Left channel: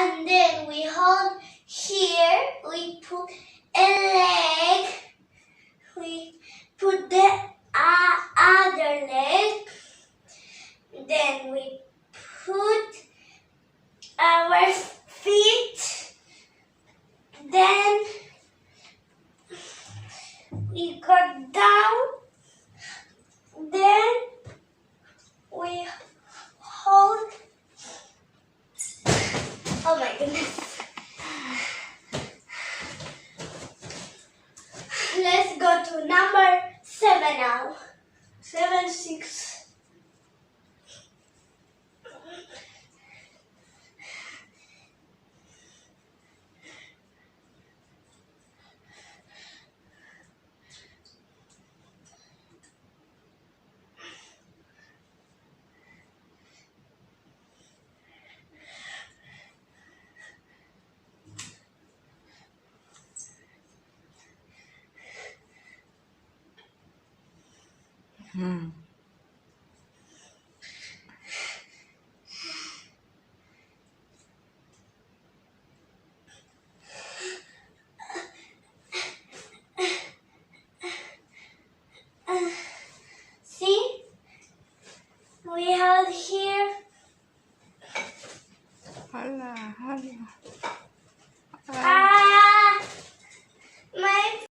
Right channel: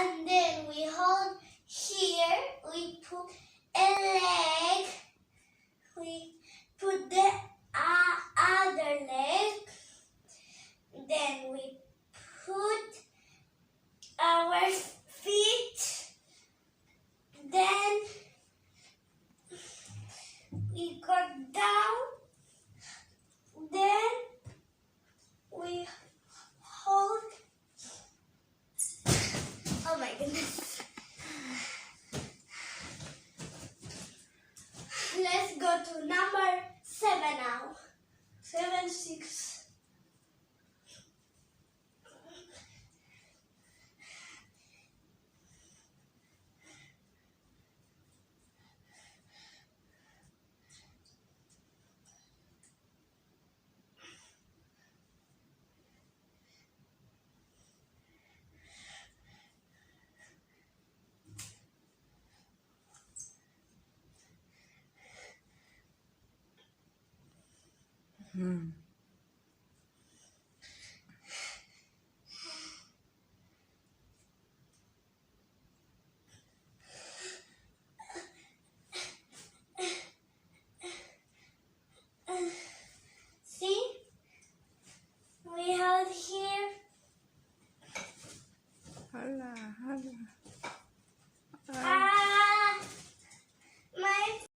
and then we hold here, we put a leg, we put the other leg, then we put our feet, then we go down, then we hold. Oh my goodness. Let's go to number 7 now. 7, 6. See? We have